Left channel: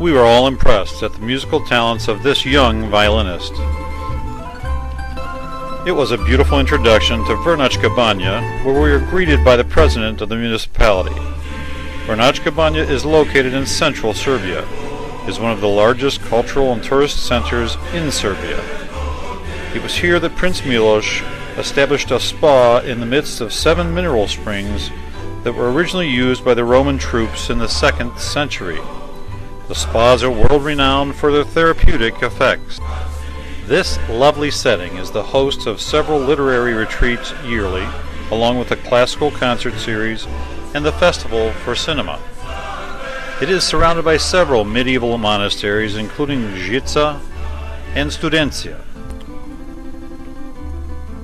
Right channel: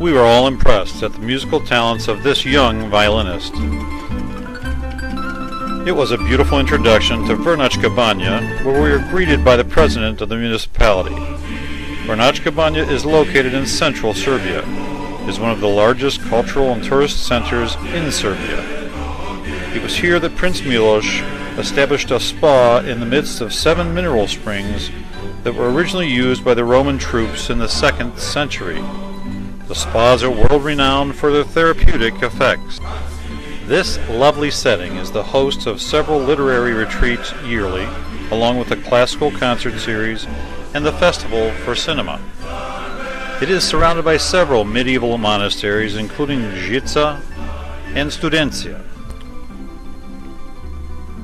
We were all impressed at the musical talents of this young violinist. It was a beautiful introduction to Vrnjačka Banja, where we were greeted by the president of the municipality. Vrnjačka Banja is located in central Serbia. It is one of the largest cultural and tourist centers in Serbia. It was here that Prince Miloš established a spa in the midst of 7 mineral springs that were originally used by the Roman troops in the 2nd century. The spas are world-renowned for their therapeutic effects. This lovely setting is the host of several literary retreats yearly, along with a classical concert series and the Festival for Cinema. It is surrounded by several medieval monasteries, including Žica and Studencija.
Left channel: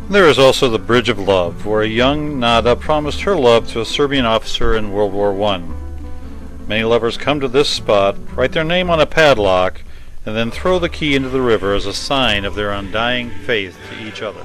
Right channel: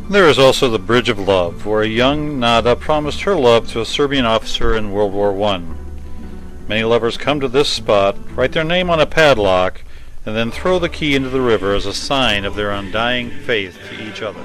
There is also the Bridge of Love, where a young Nada promised her love to a Serbian officer in World War I. Many lovers come to this spot, write their name on a padlock, and then throw the key into the river as a sign of their undying faith to each other.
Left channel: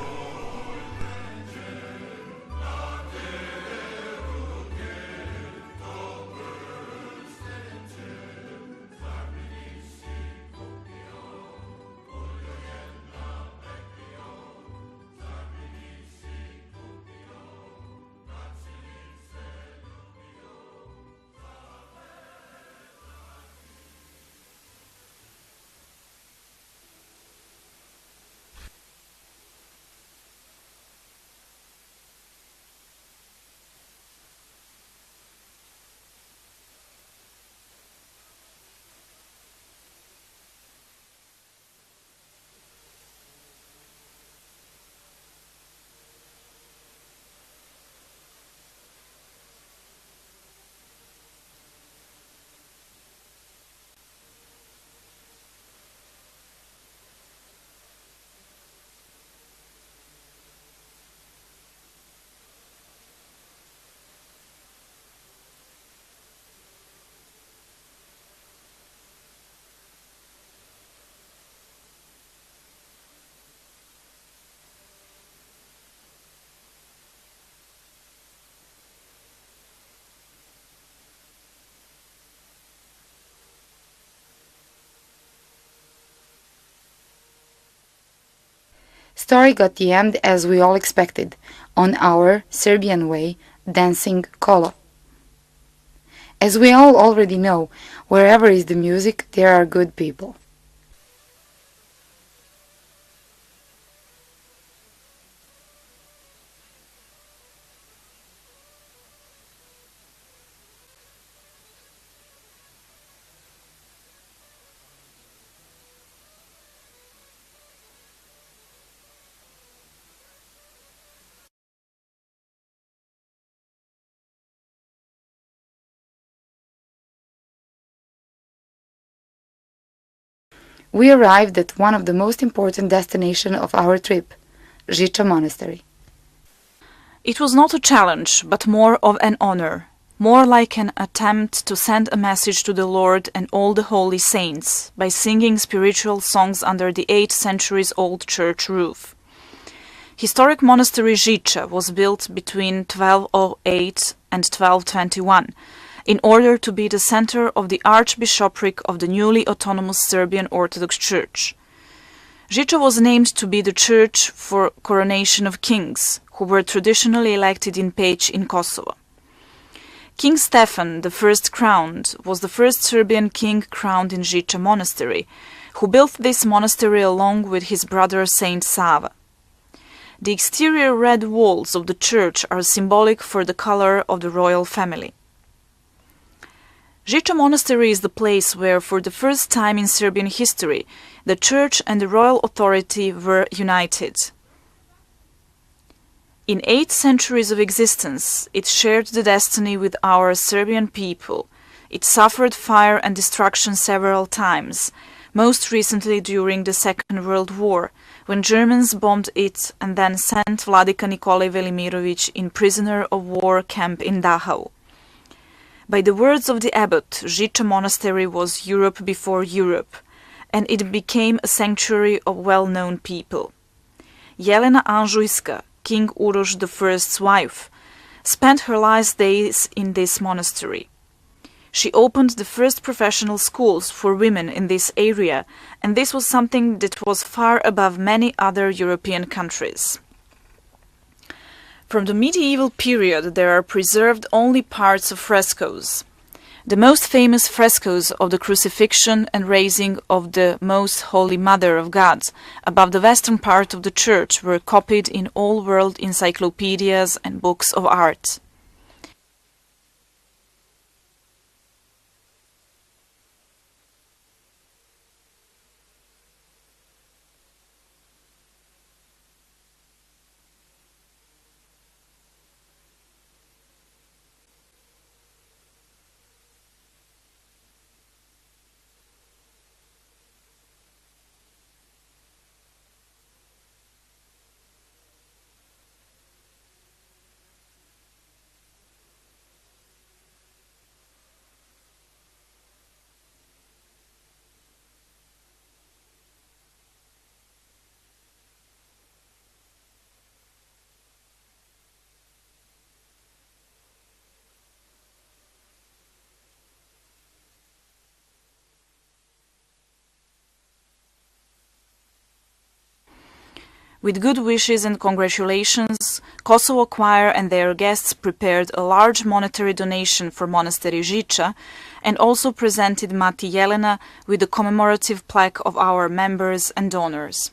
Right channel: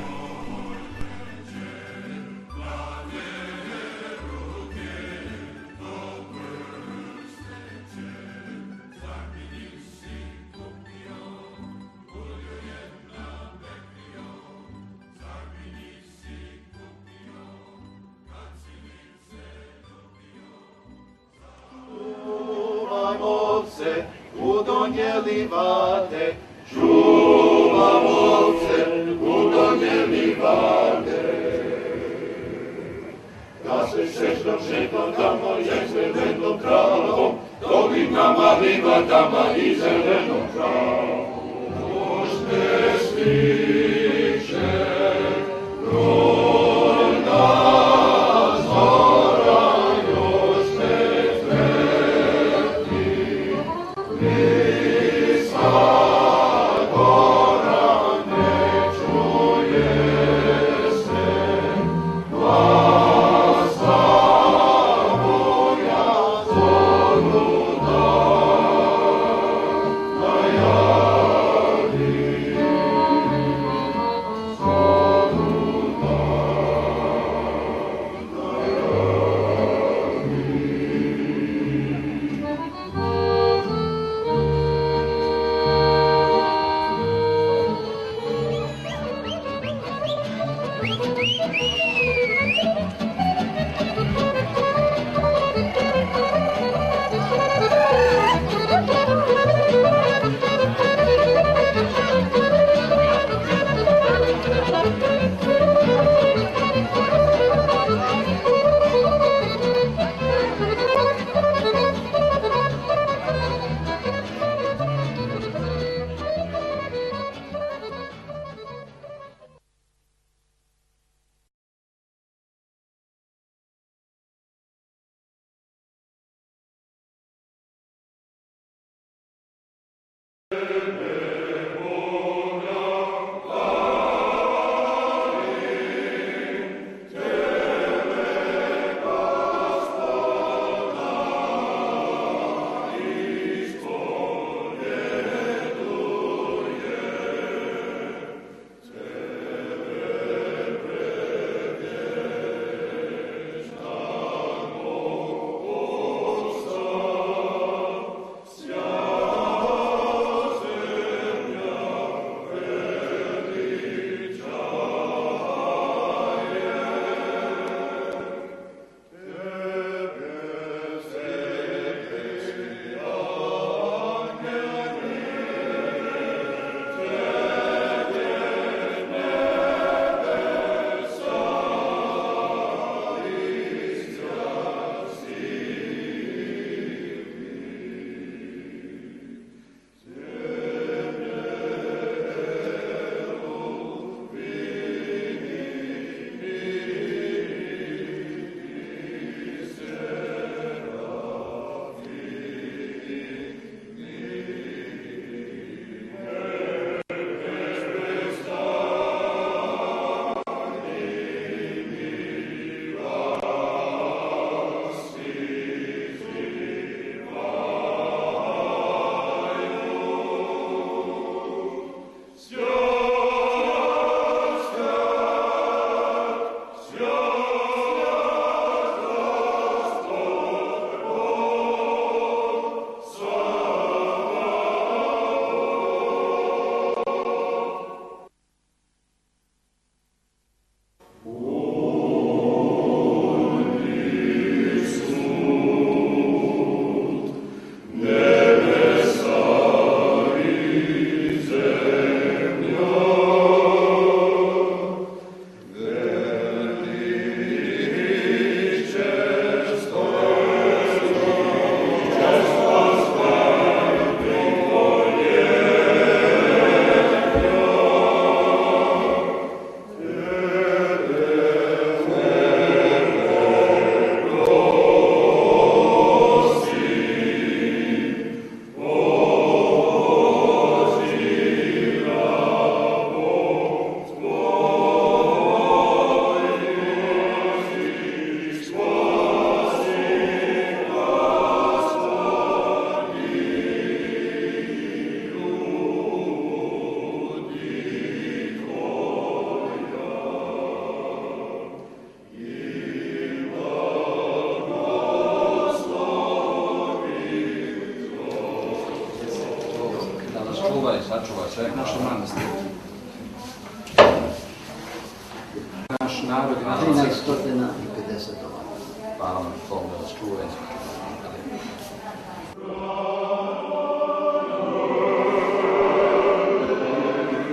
Story got the end as we all expected, on our Serbian way, dancing kolo. As we all already know, wherever is the music, there are good people. We arrived at one of the most important destinations of our trip, Žiča Monastery. It was not a challenge, but more of an honor, more like an attempt to send a message to the Lord and all the holy saints by singing spiritual songs under the 8 centuries-old church roof. Historic monastery Žiča was built between 1208 and 1221, in order to be the center of the archbishopric of the newly autonomous Serbian Orthodox Church. Žiča was named to be the church for coronation of kings, who were traditionally elected in Peć in Kosovo. King Stefan, the first crowned, was the first Serbian king crowned in Žiča monastery, who built this monastery along with his brother Saint Sava. The exterior red walls of the church are symbolic for the color of the royal family. Žiča Monastery is the place where, for the first time in Serbian history, the church and the royal authority were united. In 8 centuries of existence, it shared the destiny with our Serbian people. It suffered fire and destruction several times, most recently during the Second World War, when Germans bombed it and then sent Vladika Nikolaj Velimirović in prisoner of war camp in Dachau. By the words of the abbot, Žiča Monastery was Europe before Europe, and it became a sanctuary of well-known people. Jelena Anžujska, King Uroš I's wife, spent her last days in this monastery. She opened the first professional schools for women in this area, and this was something that was far above many other European countries. From the medieval period there are preserved only parts of frescoes. The most famous frescoes of the crucifixion and raising of the Most Holy Mother of God above the western part of the church were copied in all world encyclopedias and books of art. With good wishes and congratulations, Kosovo choir and their guests prepared a large monetary donation for Monastery Žiča and also presented Mati Jelena with a commemorative plaque of our members and donors.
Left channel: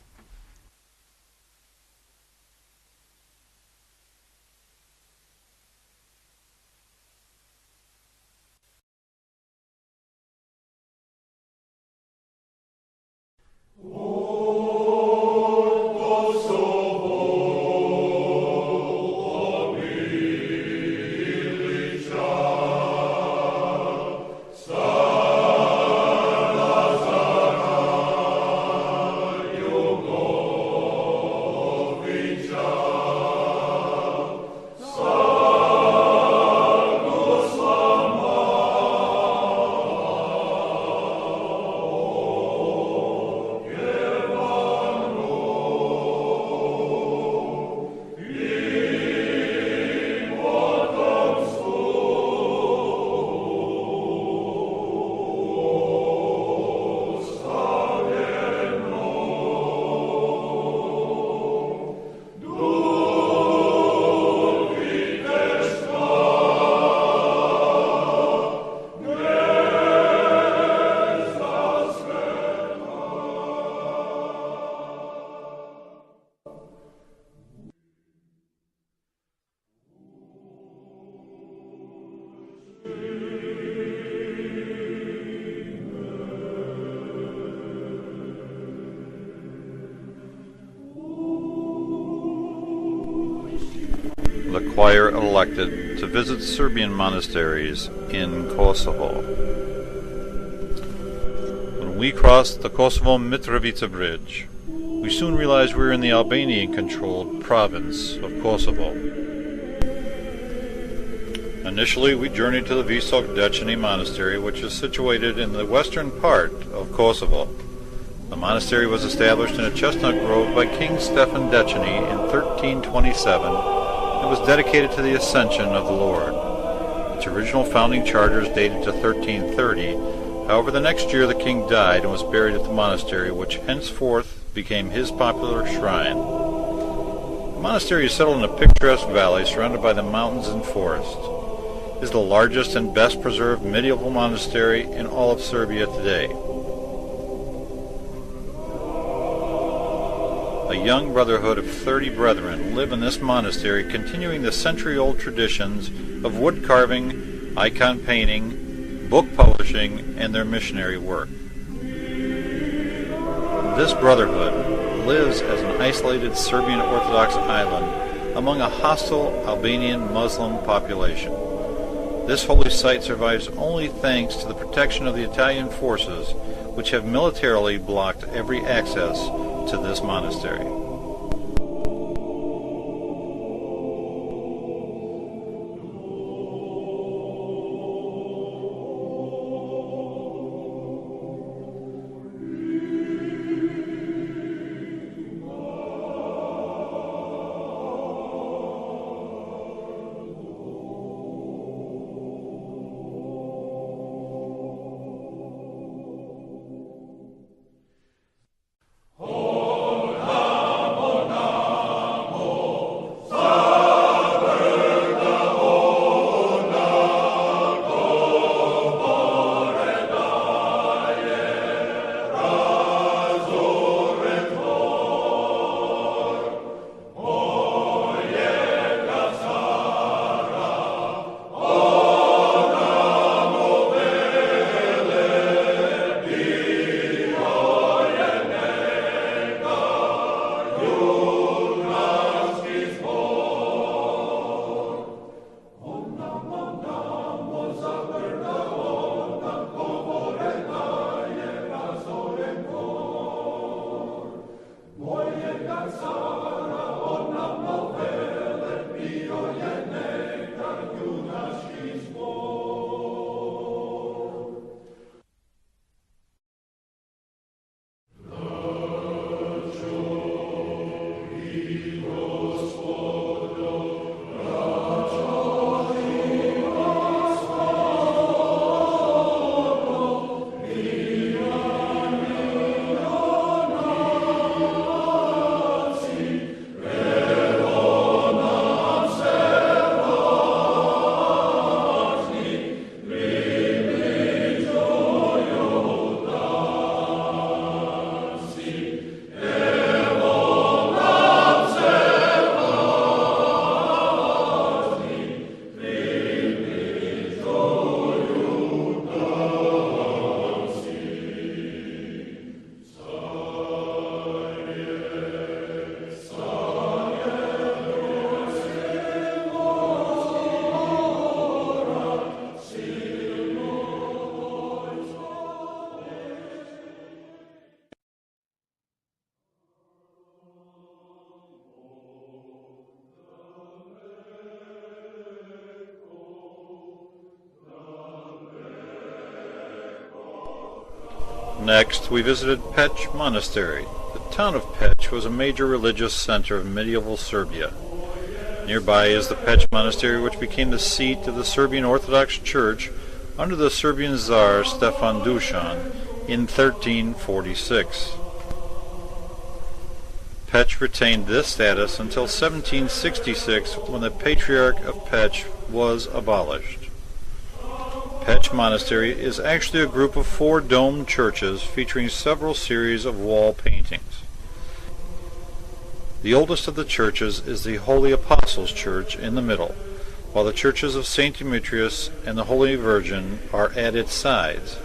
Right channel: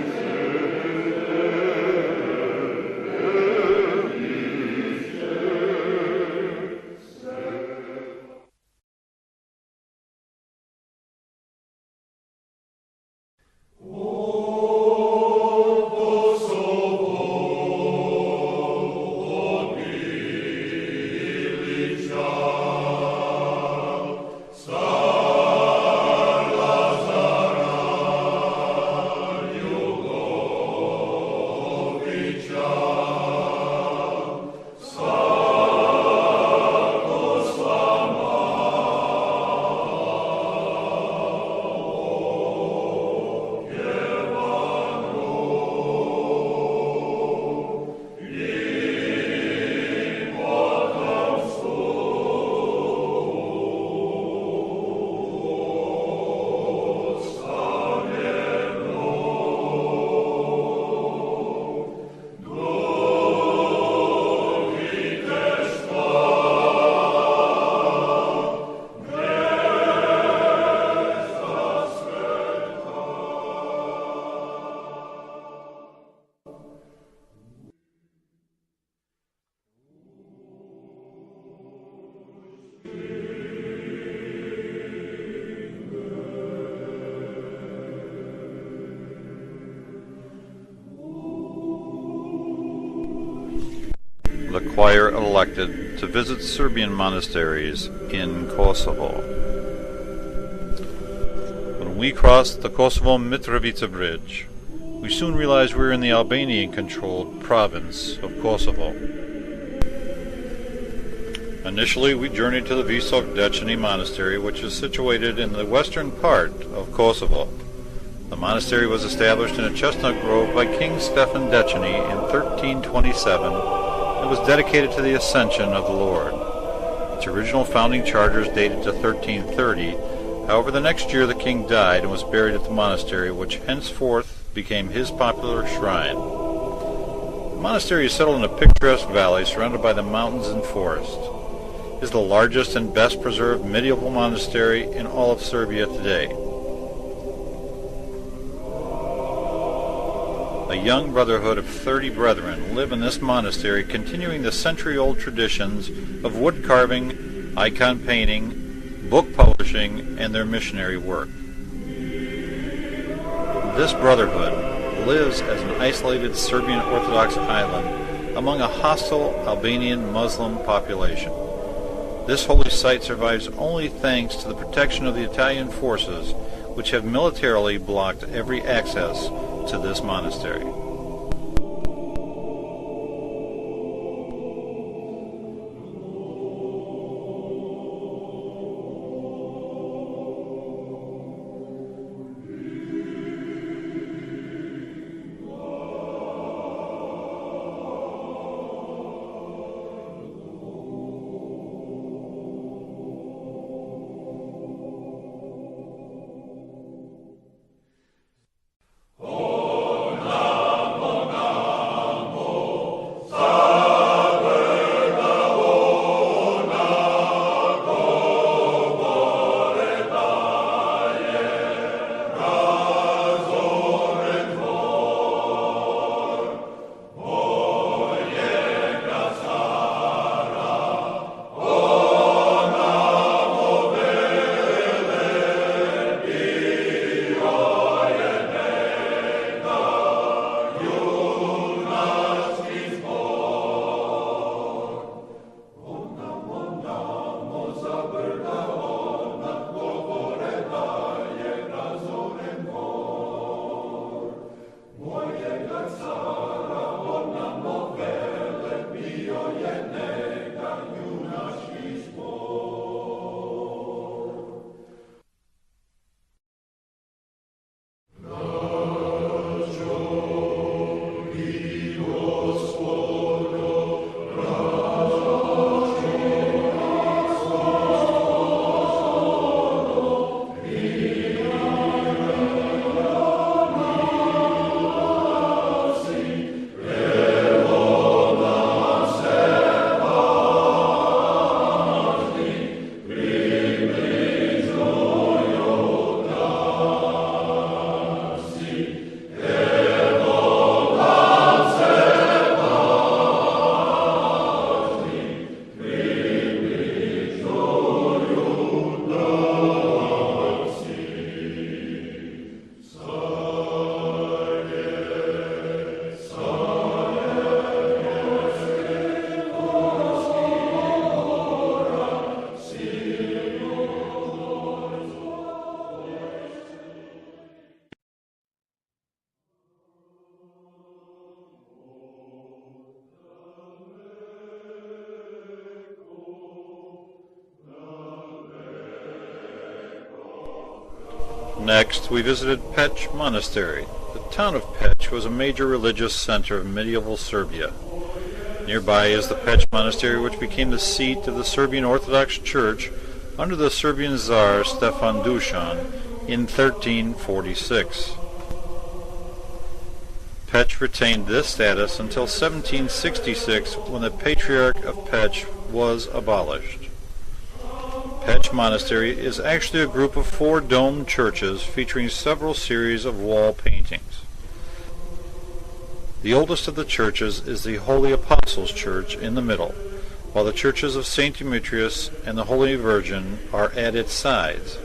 The choir elected to visit Serbian monasteries in Kosovo. When we crossed the Kosovo-Mitrovica bridge, we soon realized we were in the Albanian-controlled province of Kosovo. Initially, we journeyed to the Visok Dečani Monastery, which is situated in the western part of Kosovo. The monastery was established in a chestnut grove by King Stefan Dečani in 1327 and was dedicated to the Ascension of the Lord. Its original founding charters dated to 1330. However, the next year the king died and was buried at the monastery, which henceforth became his popular shrine. The monastery is settled in a picturesque valley surrounded by the mountains and forest. It is the largest and best preserved medieval monastery in all of Serbia today. A young brotherhood of 30 brethren live in this monastery, continuing the century-old traditions of wood carving, icon painting, book publishing, and their missionary work. This brotherhood lives as an isolated Serbian Orthodox island among a hostile Albanian Muslim population. This holy site survives only thanks to the protection of the Italian forces, which have militarily blocked every access to this monastery. Next, we visited Peć Monastery. The town of Peć was a major religious center of medieval Serbia. Nearby is the Peć Monastery, which became the seat of the Serbian Orthodox Church under the Serbian Tsar Stefan Dusan in 1346. Peć retained this status until 1766, when the Patriarch of Peć was abolished. Peć Monastery is actually a group of 4 domed churches featuring several series of wall paintings. The oldest of the churches is the Holy Apostles' Church in the middle, while the churches of St. Demetrius and the Holy Virgin are at its sides.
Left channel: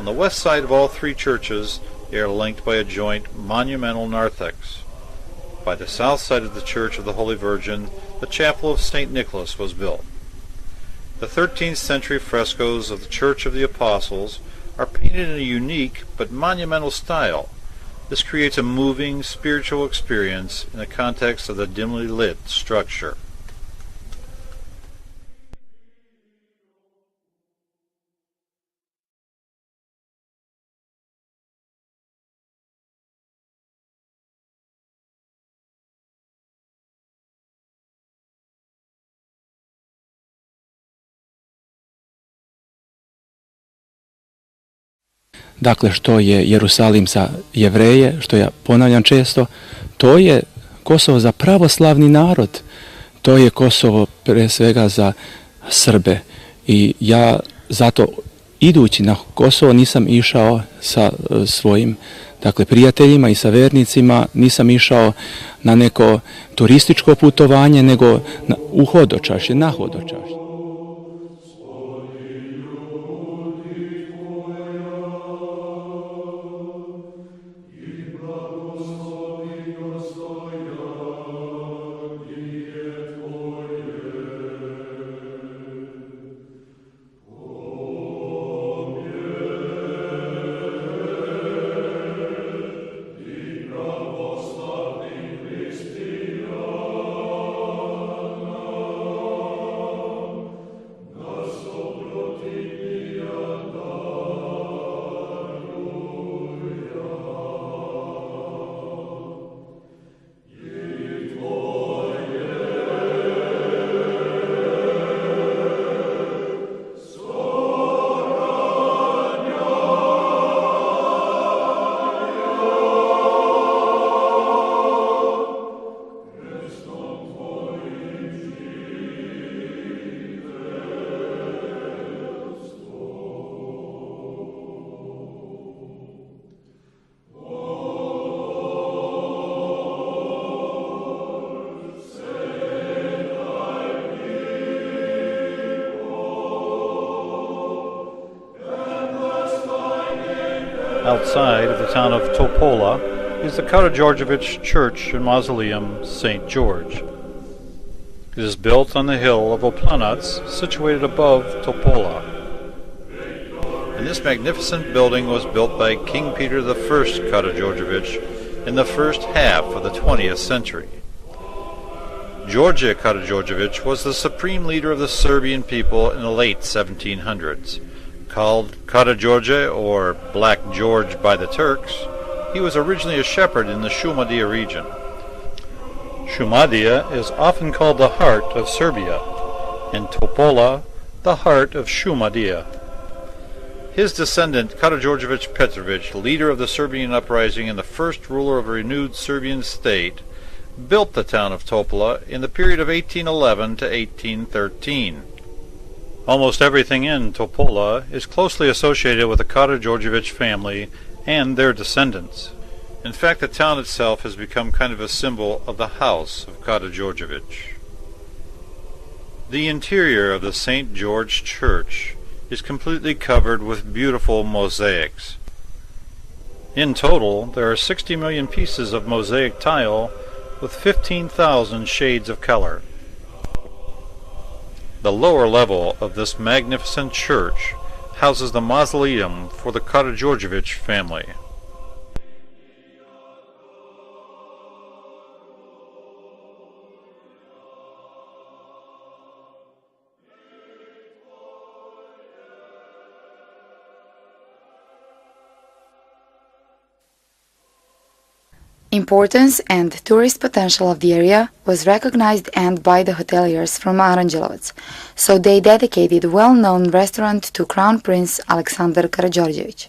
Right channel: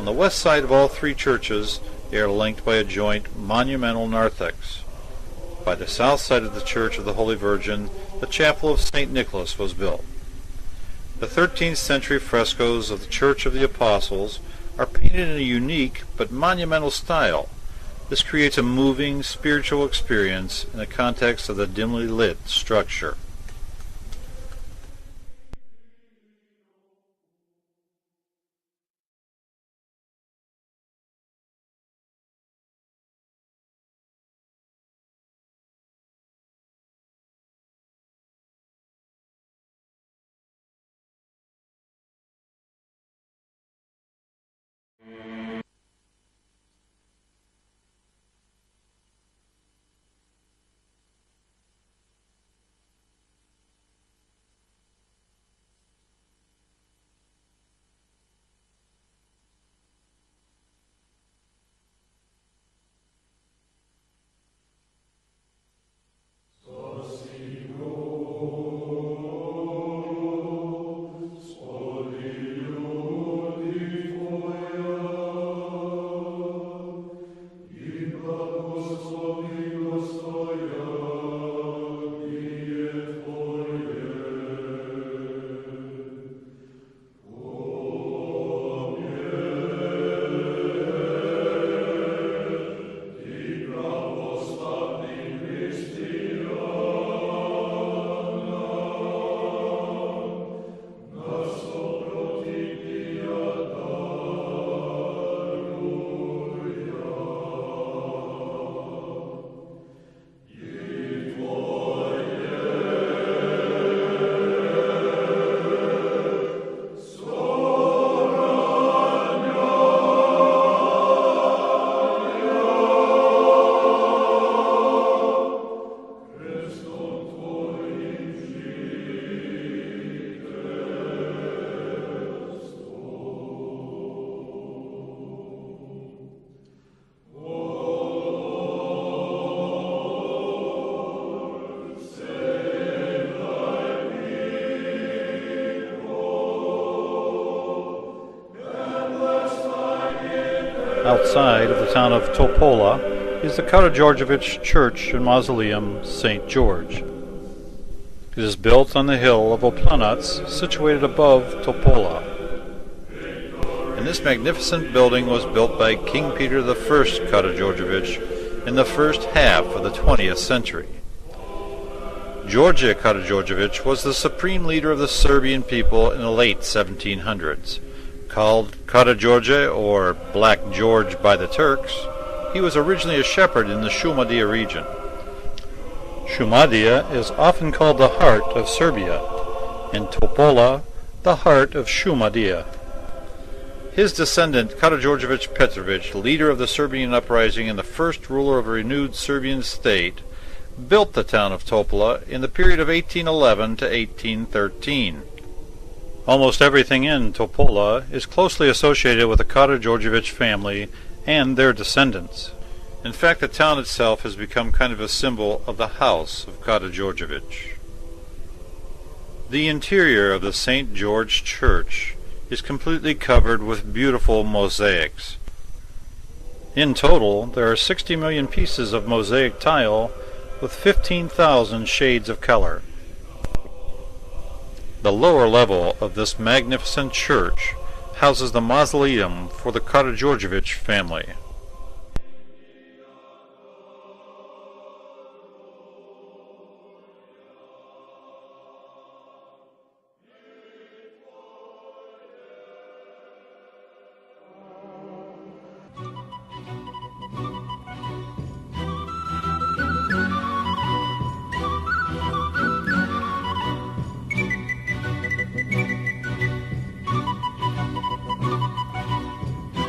On the west side of all 3 churches, they are linked by a joint monumental narthex. By the south side of the Church of the Holy Virgin, the Chapel of St. Nicholas was built. The 13th century frescoes of the Church of the Apostles are painted in a unique but monumental style. This creates a moving, spiritual experience in the context of the dimly lit structure. Dakle, što je Jerusalim za Jevreje, što ja ponavljam često, to je Kosovo za pravoslavni narod. To je Kosovo pre svega za Srbe. I ja zato idući na Kosovo nisam išao sa svojim prijateljima i sa vernicima, nisam išao na neko turističko putovanje, nego u hodočašće, na hodočašće. Outside of the town of Topola is the Karađorđević Church and Mausoleum, St. George. It is built on the hill of Oplanac, situated above Topola. And this magnificent building was built by King Peter I Karađorđević in the first half of the 20th century. George Karađorđević was the supreme leader of the Serbian people in the late 1700s. Called Karađorđe, or Black George by the Turks, he was originally a shepherd in the Šumadija region. Šumadija is often called the heart of Serbia, and Topola the heart of Šumadija. His descendant Karađorđević Petrović, leader of the Serbian uprising and the first ruler of a renewed Serbian state, built the town of Topola in the period of 1811 to 1813. Almost everything in Topola is closely associated with the Karađorđević family and their descendants. In fact, the town itself has become kind of a symbol of the house of Karađorđević. The interior of the St. George Church is completely covered with beautiful mosaics. In total, there are 60 million pieces of mosaic tile with 15,000 shades of color. The lower level of this magnificent church houses the mausoleum for the Karađorđević family. Importance and tourist potential of the area was recognized and by the hoteliers from Aranđelovac, so they dedicated a well-known restaurant to Crown Prince Aleksandar Karađorđević.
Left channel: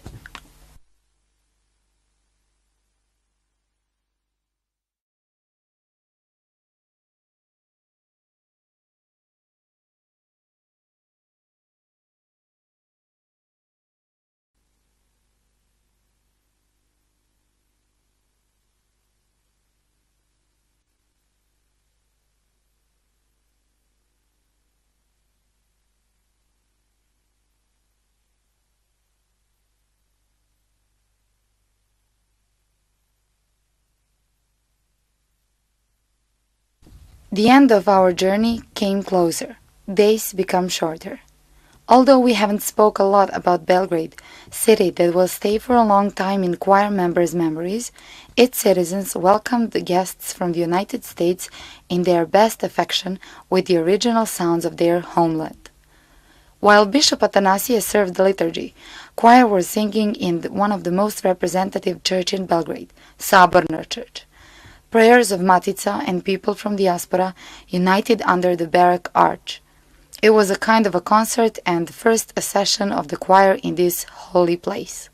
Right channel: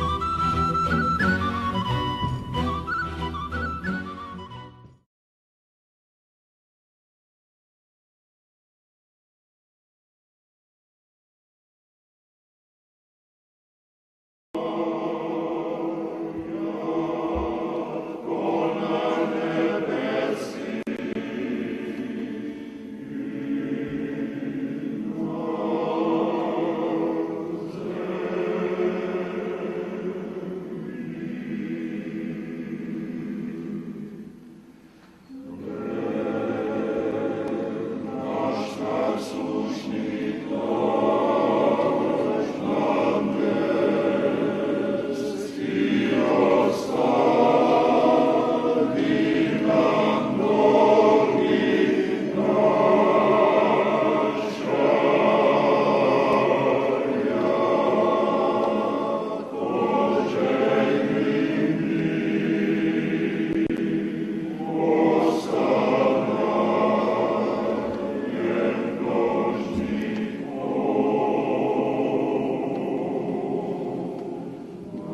The end of our journey came closer. Days become shorter. Although we haven't spoke a lot about Belgrade, city that will stay for a long time in choir members' memories, its citizens welcomed the guests from the United States in their best affection with the original sounds of their homeland. While Bishop Atanasius served the liturgy, choir was singing in one of the most representative church in Belgrade, Saborna Church. Prayers of Matica and people from diaspora united under the barrack arch. It was a kind of a concert and first session of the choir in this holy place.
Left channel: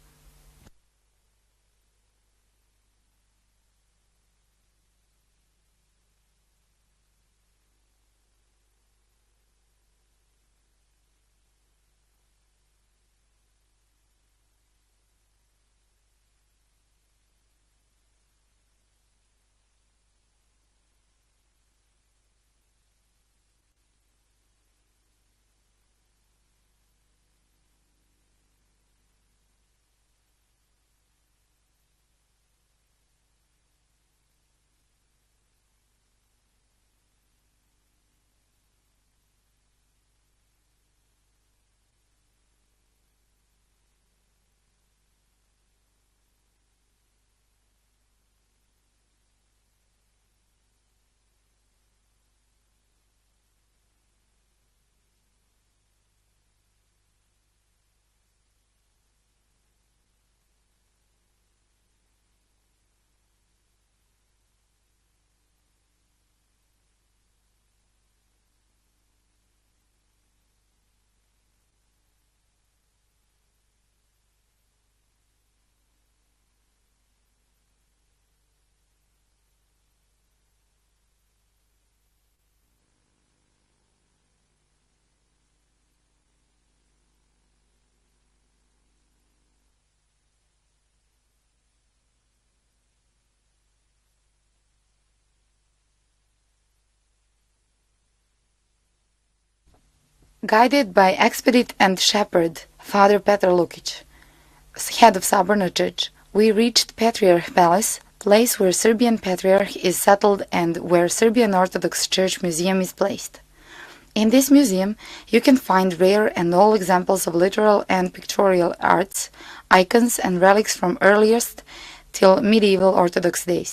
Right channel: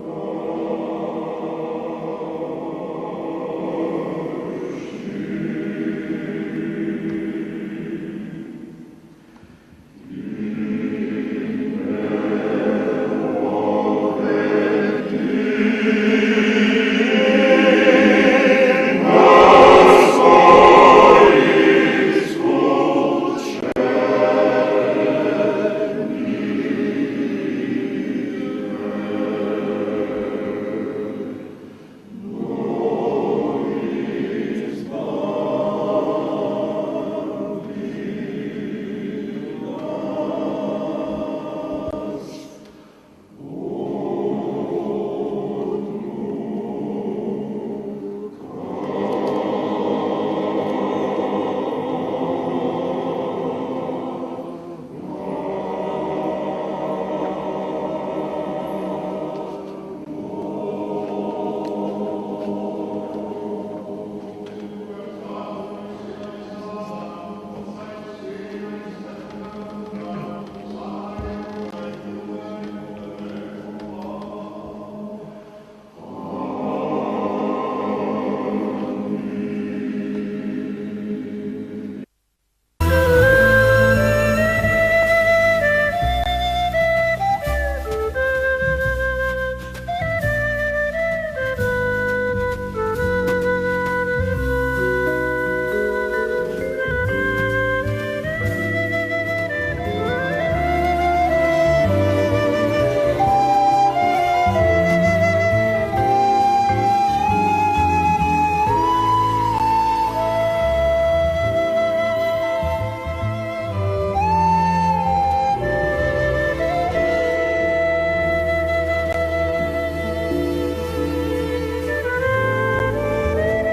Guided by expedite and shepherd Father Petar Lukic, as head of Saborna Church, we reached Patriarch Palace, place where Serbian Patriarch is settled and where Serbian Orthodox Church Museum is placed. In this museum, you can find rare and old examples of literal and pictorial arts, icons and relics from earliest till medieval Orthodox days.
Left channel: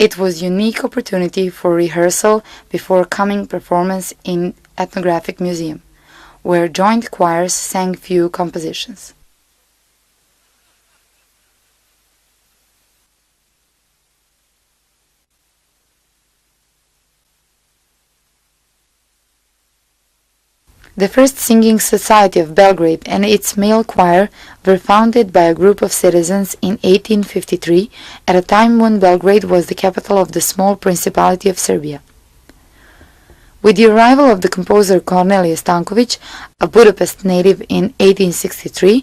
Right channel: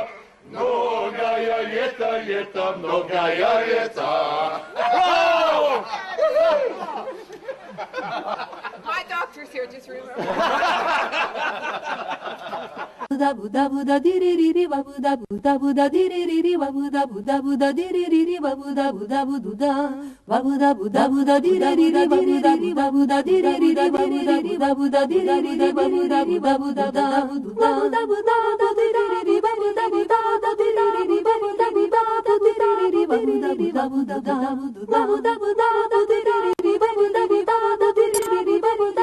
It was a unique opportunity for rehearsal before coming performance in Ethnographic Museum, where joint choirs sang few compositions. The first singing society of Belgrade and its male choir were founded by a group of citizens in 1853, at a time when Belgrade was the capital of the small Principality of Serbia. With the arrival of the composer Cornelije Stanković, a Budapest native in 1863,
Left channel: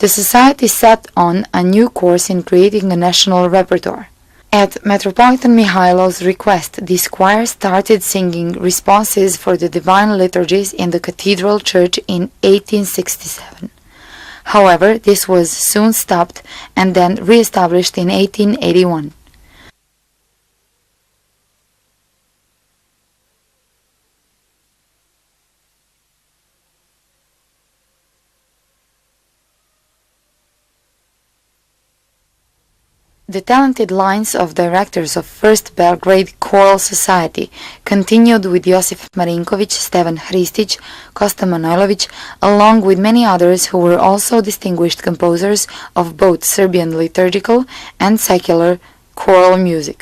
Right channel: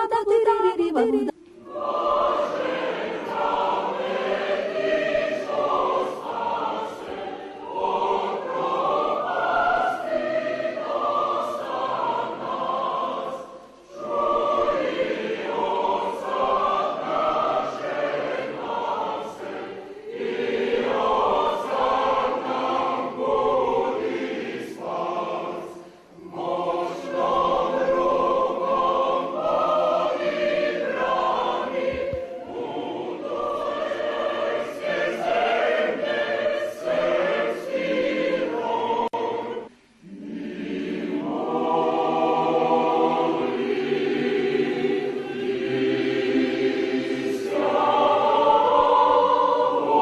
The society set on a new course in creating a national repertoire. At Metropolitan Mihailov's request, this choir started singing responses for the divine liturgies in the cathedral church in 1867. However, this was soon stopped and then re-established in 1881. The talented lines of directors of First Belgrade Choral Society continued with Josif Marinković, Stevan Hristić, Kosta Manojlović, along with many others who were also distinguished composers of both Serbian liturgical and secular choral music.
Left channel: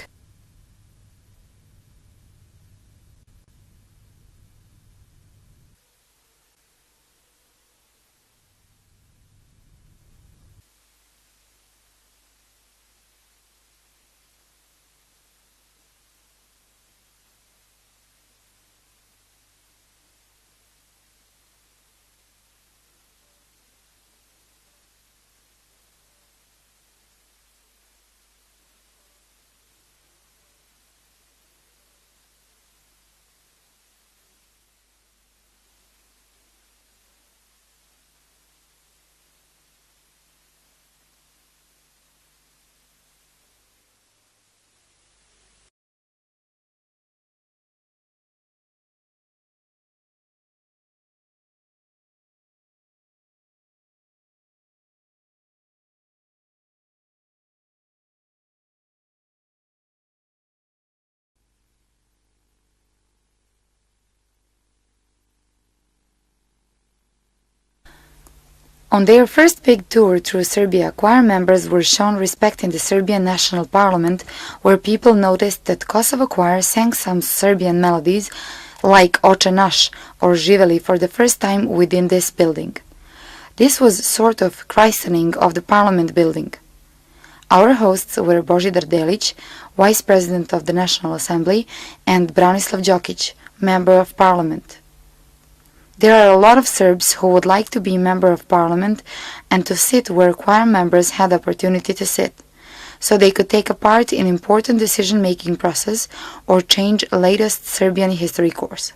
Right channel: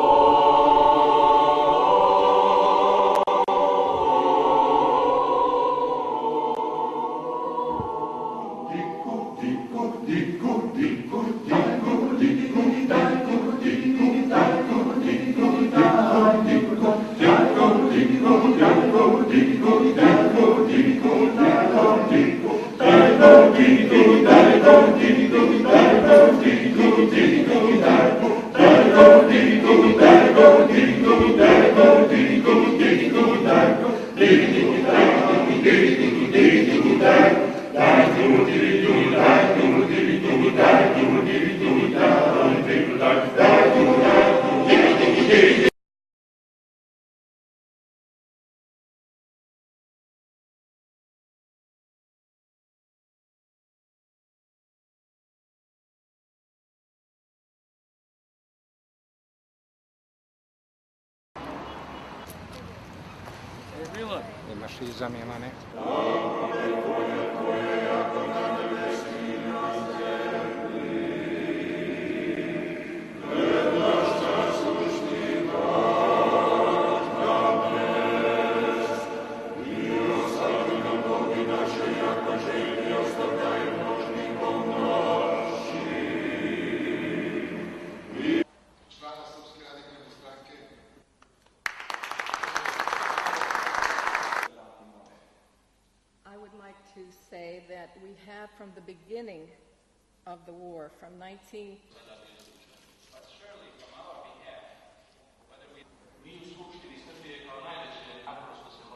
On their first big tour through Serbia, choir members were shown respect in the Serbian National Parliament, where people noticed that Kosovo choir sang some Serbian melodies like Oče naš or Živeli for the first time within this building. This was sort of christening of the Parliament building. Our hosts were Božidar Delić, Vice President of the National Assembly, and Branislav Đokić, Member of Parliament. There are a lot of Serbs who would like to be Member of Parliament and to sit where choir members had the opportunity to sit, so they could take a part in important decision-making process or change latest Serbian history course.